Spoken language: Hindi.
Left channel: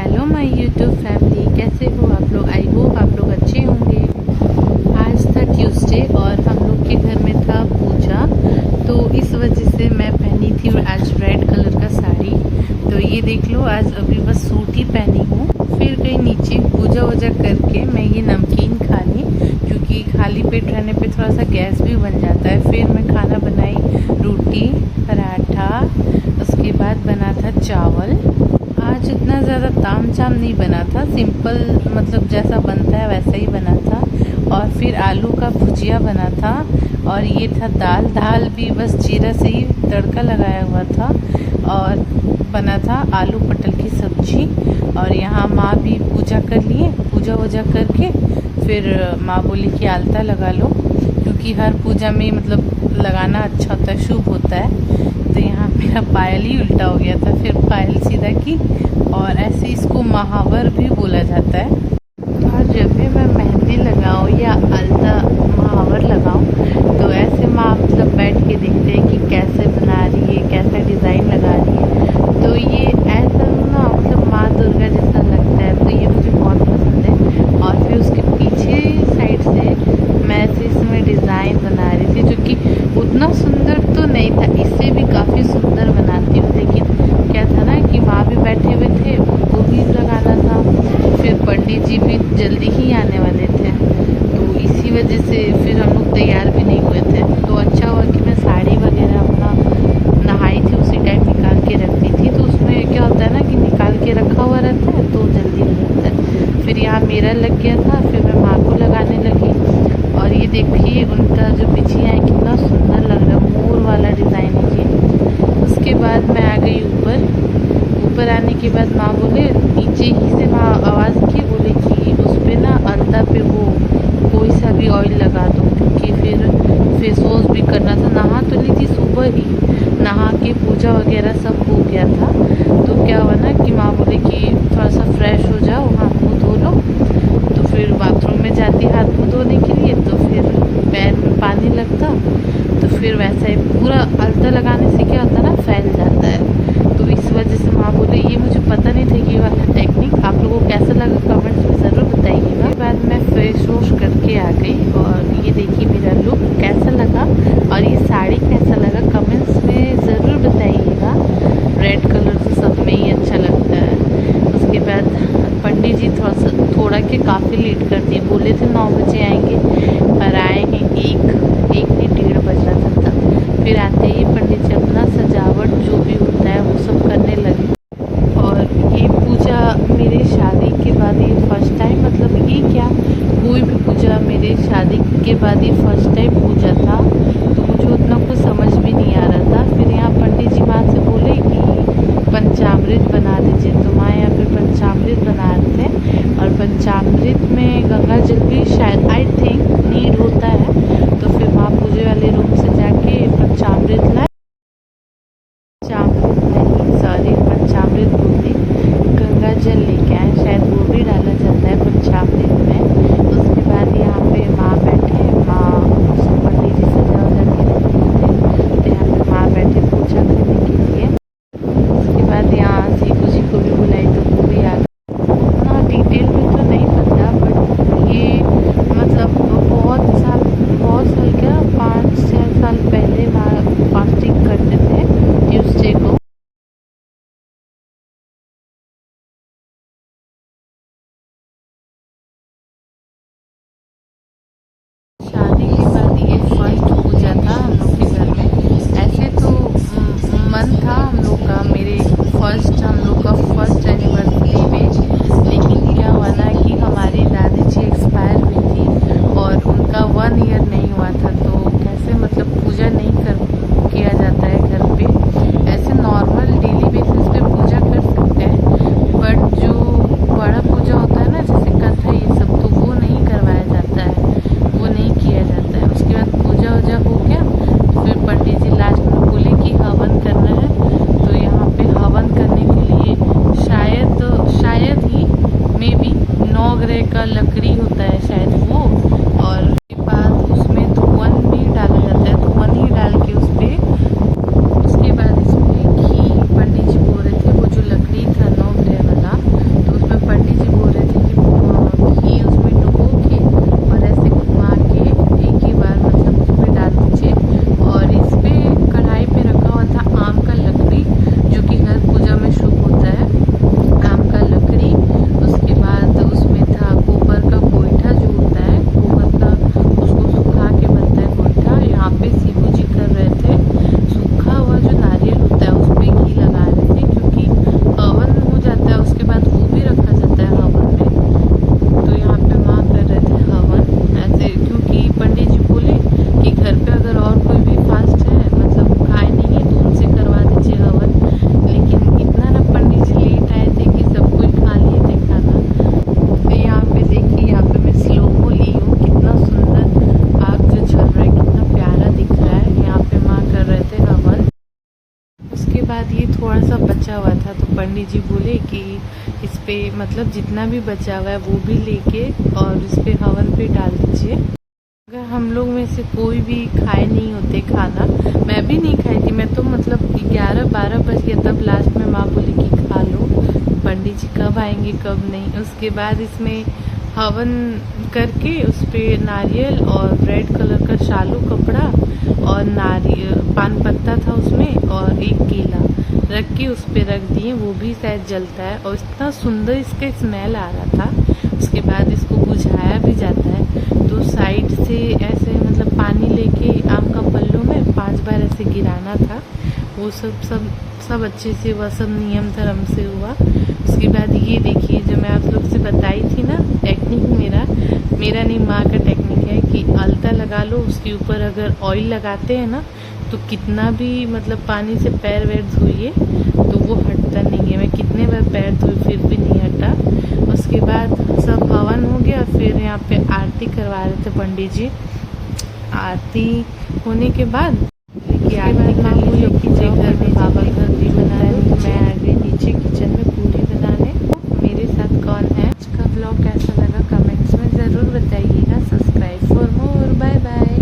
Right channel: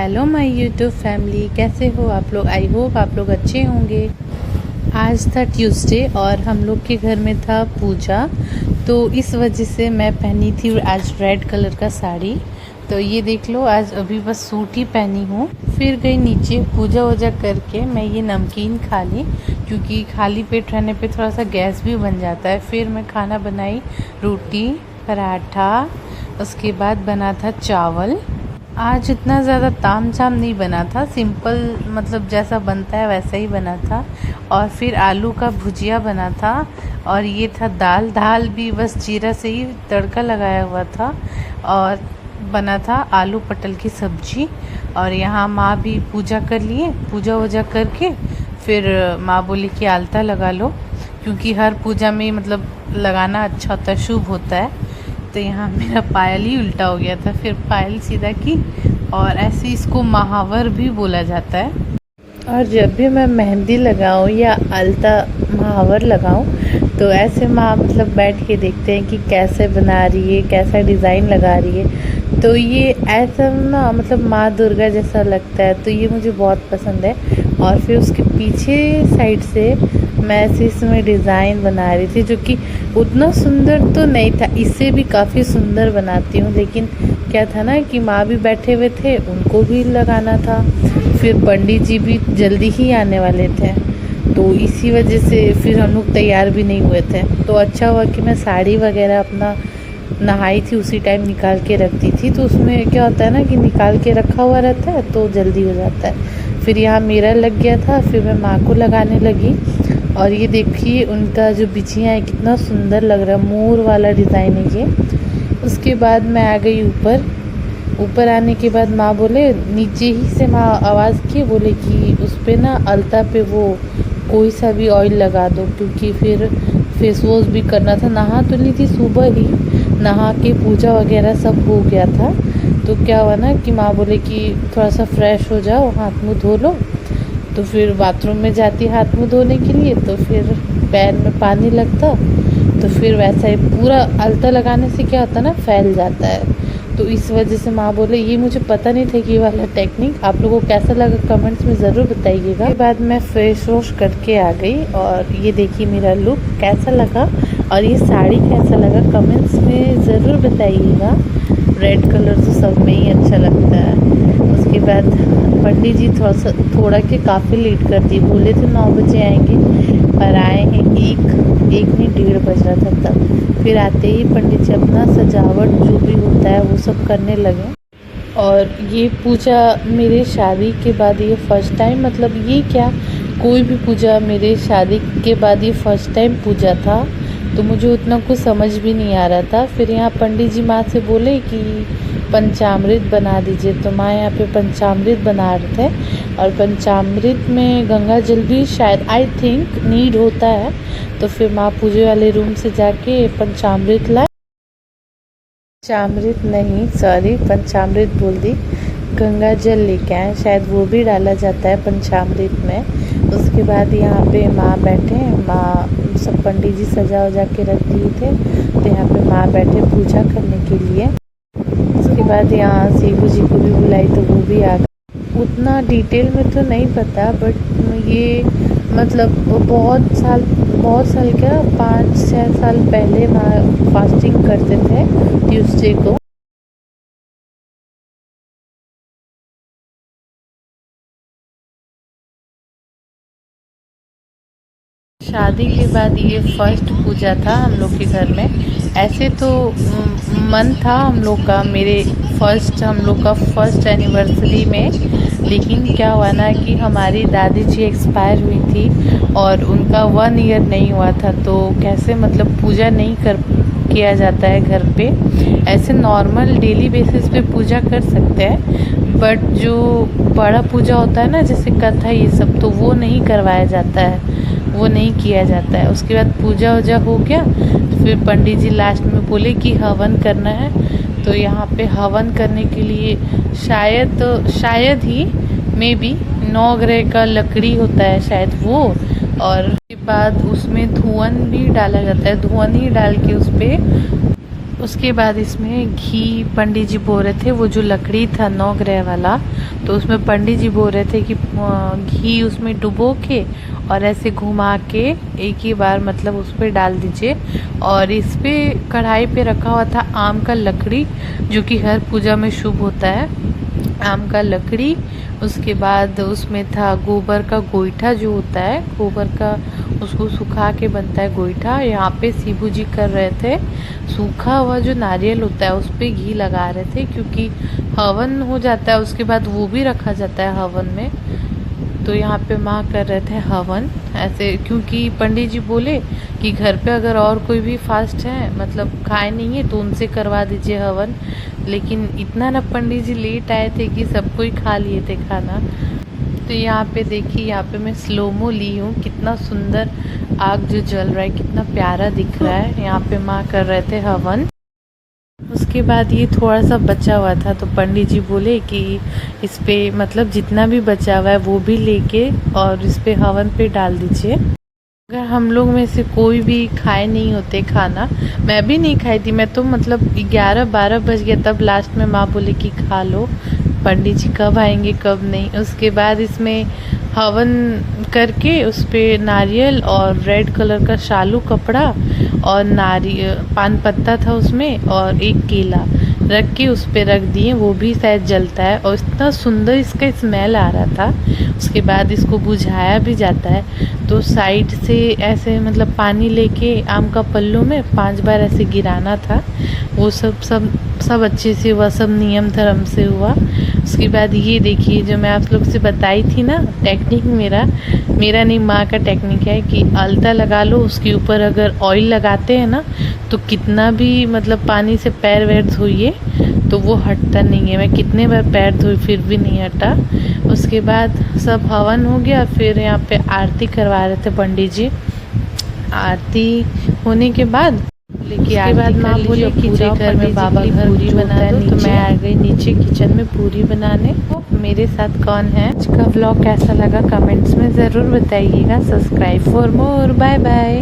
हेलो माय यूट्यूब फैमिली, कैसे हो आप लोग। आई होप आप लोग अच्छे होंगे। आज था ट्यूसडे और हम लोग के घर में था पूजा, तो इस वजह से मैं पहनी थी आज रेड कलर का साड़ी। तो ये देख लो, आज अभी बस सूट ही पहनी हूँ। फिर गई नीचे पूजा वूजा करके मैं ये नमकीन खा ली, क्योंकि खाली पेट रहने पे थोड़ा सा गैस भी बन जाता है। फिर मैं खाना बनाई, रोटी पराठा, उसके बाद बना था चावल। आज इतना ज़्यादा ताम झाम नहीं बना था, सिंपल मतलब जैसा बनता है वैसा ही बना था। और फिर आलू का भुजिया बना था, और ये था दाल भी बस जीरा से ही तड़का लगाया हुआ था। और बना था आलू पटल की सब्जी। और यहाँ माँ भी पूजा कर लिए, पूजा वूजा करके फिर माँ बोली कि आलता लगा लो, क्योंकि हर पूजा में मतलब लगाना अच्छा होता है, शुभ होता है। तो यहाँ मेरा पायल ही उल्टा हो गया था, फिर पायल सीधा की। और ऐसे इसको महावर भी बोला जाता है। और जब भी मैं मेहंदी लगाऊँ या अलता महावर लगाऊँ, तो ऐसे माँ मतलब बैठ के देखते हैं कि कैसे बना रही है, कैसा डिज़ाइन लगा रही है। तो ये ऐसा ना मतलब माँ दुर्गा जैसा लगता है, तो ये मुझे बहुत पसंद है। और फिर उसके पीछे साइड से मैं ऐसे इसमें डिज़ाइन बना रही थी, जो कि उतना सुंदर तो नहीं था, इससे भी काफ़ी सुंदर बनाती हूँ। लेकिन क्या था ना कि माँ भी बैठे हुए थे, उनको भी लगाना था। फिर पंडित जी भी जल्दी ही आने वाले थे, तो इसी वजह से फिर हम लोग तैयार भी नहीं हुए थे। तो अच्छा हुआ कि मैं साड़ी वगैरह अपना नहाई थी उसी टाइम निकाल के रख दी थी। तो उसमें क्या होता है ना कि निकाल के रखा हुआ रहता है तो जल्दी हो जाता है। फिर यहाँ मेरा लग गया था, फिर मैं माँ को लगाने लगी। और ये देखिए उनका जो बिछिया है कितना सुंदर लग रहा है, मोर वाला डिज़ाइन है ये। उसके बाद मैं आ गई ऊपर आने के बाद माँ बोले, नीचे ही से माँ आवाज़ की, बोले कि उस पर ना अलता पे वो कोई सा भी ऑयल लगा दो, क्योंकि फिर फेस वॉश भी करना था। नहा तो ली थी सुबह ही, नहा के पूजा वगैरह सब हो गया था। तो क्या हुआ ना कि माँ बोले कि थोड़ा सा फ्रेश हो जाओ, हाथ मुँह धो लो। तो फिर बाथरूम में जाती हाथ मुँह धोने के लिए, तो फिर पैर में पानी लगता, तो फिर वैसा ही पूरा अलता लगाने से क्या होता है ना, फैल जाता है। तो इस वजह से माँ बोले, ये मुझे पता नहीं था कि ये वाला टेक्निक। आप लोगों को कैसा लगा कमेंट्स में ज़रूर बताइएगा। उसके बाद मैं फेस वॉश करके आ गई, और ये देखिए मेरा लुक कैसा लगा और ये साड़ी कैसा लगा कमेंट्स में ज़रूर बताइएगा। रेड कलर तो सब में ही अच्छा लगता है। उसके बाद पंडित जी थोड़ा के काफ़ी लेट कर दिए, बोले थे 9 बजे आएंगे, और आए हैं एक नहीं 1:30 बज रहा था तब। फिर आते ही पंडित जी अपना सजावट जो भी होता है वो सब करने लगे। और ये पूजा मेरे शादी के बाद ये फर्स्ट टाइम, मतलब ये क्या कोई भी पूजा मेरे शादी के बाद ये फर्स्ट टाइम पूजा था। तो मुझे उतना कुछ समझ भी नहीं आ रहा था। फिर यहाँ पंडित जी माँ से बोले कि पंचामृत बना दीजिए, तो माँ यहाँ पे पंचामृत बना रहे थे। और पंचामृत में गंगा जल भी शायद आई थिंक नीड होता है। तो फिर माँ पूजे वाले रूम से जाके पंचामृत लाए, पंचामृत नहीं सॉरी पंचामृत बोल दी, गंगा जल लेके आए, शायद वो भी डाला जाता है पंचामृत में। उसके बाद यहाँ पे माँ बैठे, माँ सब पंडित जी सजा वजा के रख दिए थे, तो यहाँ पे माँ बैठे पूजा करने के लिए। उसके बाद यहाँ सीखू जी को भी बुलाई, तो वो भी आ गए। उतना डिटेल में तो नहीं पता, बट ये मतलब बहुत साल क्या 5-6 साल पहले माँ फास्टिंग करते थे ट्यूसडे को। शादी के बाद ये फर्स्ट पूजा था हम लोग के घर में। ऐसे तो मन था हम लोग का, हम लोग का फर्स्ट एनिवर्सरी में। लेकिन क्या हुआ ना कि हमारी दादी जी एक्सपायर हुई थी और उनका 1 ईयर नहीं हुआ था। तो कैसे मतलब पूजा नहीं किया जाता है घर पे। ऐसे नॉर्मल डेली बेसिस पे पूजा कर सकते हैं, बट जो बड़ा पूजा होता है ना जैसे कथा ये सब, तो वो नहीं करवाया जाता है, वो नहीं किया जाता है। उसके बाद पूजा वूजा हो गया, फिर पंडित जी लास्ट में बोले कि हवन करना है। तो यहाँ पे हवन करने के लिए शायद ही मे बी 9 ग्रह का लकड़ी होता है शायद वो, और उसके बाद उसमें धुआं भी डाला जाता है। धुआं ही डाल के उस पर उसके बाद इसमें घी पंडित जी बोल रहे थे, वो जो लकड़ी था 9 ग्रह वाला, तो उसमें पंडित जी बोल रहे थे कि घी उसमें डुबो के और ऐसे घुमा के एक ही बार मतलब उस पर डाल दीजिए। और इस पे कढ़ाई पे रखा हुआ था आम का लकड़ी, जो कि हर पूजा में शुभ होता है, आम का लकड़ी। उसके बाद उसमें था गोबर का गोईठा जो होता है, गोबर का उसको सुखा के बनता है गोईठा। यहाँ पे शिवू जी कर रहे थे, सूखा हुआ जो नारियल होता है उस पर घी लगा रहे थे, क्योंकि हवन हो जाता है उसके बाद वो भी रखा जाता है हवन में। तो यहाँ पे माँ कर रहे थे हवन ऐसे, क्योंकि पंडित जी बोले कि घर पे अगर और कोई भी फास्ट है मतलब खाए नहीं है तो उनसे करवा दीजिए हवन। लेकिन इतना ना पंडित जी लेट आए थे कि सब कोई खा लिए थे खाना। तो यहाँ पे देखिए, यहाँ पे मैं स्लोमो ली हूँ, कितना सुंदर आग जो जल रहा है, कितना प्यारा दिख रहा है। यहाँ पे माँ कर रहे थे हवन। उसके बाद ये थोड़ा सा बचा हुआ था, तो पंडित जी बोले कि इस पे मतलब जितना भी बचा हुआ है वो भी लेके और इस पे हवन पे डाल दीजिए। अगर हम लोग में से कोई भी खाए नहीं होते खाना, मैं भी नहीं खाई थी, मैं तो मतलब 11-12 बज गया तब लास्ट में माँ बोली कि खा लो, पंडित जी कब आएंगे कब नहीं। उसके बाद इसमें हवन करके उस पर नारियल और रेड कलर का शालू कपड़ा और पान पत्ता था उसमें और एक केला रख के उस पर रख दिए, वो भी शायद जलता है और इतना सुंदर इसका स्मेल आ रहा था। उसके बाद इसको बुझाया भी जाता है, तो साइड से ऐसे मतलब पानी लेके आम का पल्लू में 5 बार ऐसे गिराना था। वो सब अच्छे से हुआ, सब नियम धर्म से हुआ। उसके बाद ये देखिए जो मैं आप लोग से बताई थी ना टेक्निक, मेरा नहीं माँ का टेक्निक है कि अलता लगा लो, उसके ऊपर अगर ऑयल लगाते हैं ना तो कितना भी मतलब पानी से पैर वैर धोइए तो वो हटता नहीं है। मैं कितने बार पैर धोई फिर भी नहीं हटा। उसके बाद सब हवन हो गया, फिर यहाँ पे आरती करवा रहे थे पंडित जी। आरती होने के बाद उसके बाद माँ बोली कि पूरे घर में बाबा की पूरी बना दो, तो मैं आ गई नीचे किचन में पूरी बनाने। तो मेरे साथ कौन है? आज का व्लॉग कैसा लगा कमेंट्स में ज़रूर बताइएगा। Subscribe for more. Bye bye.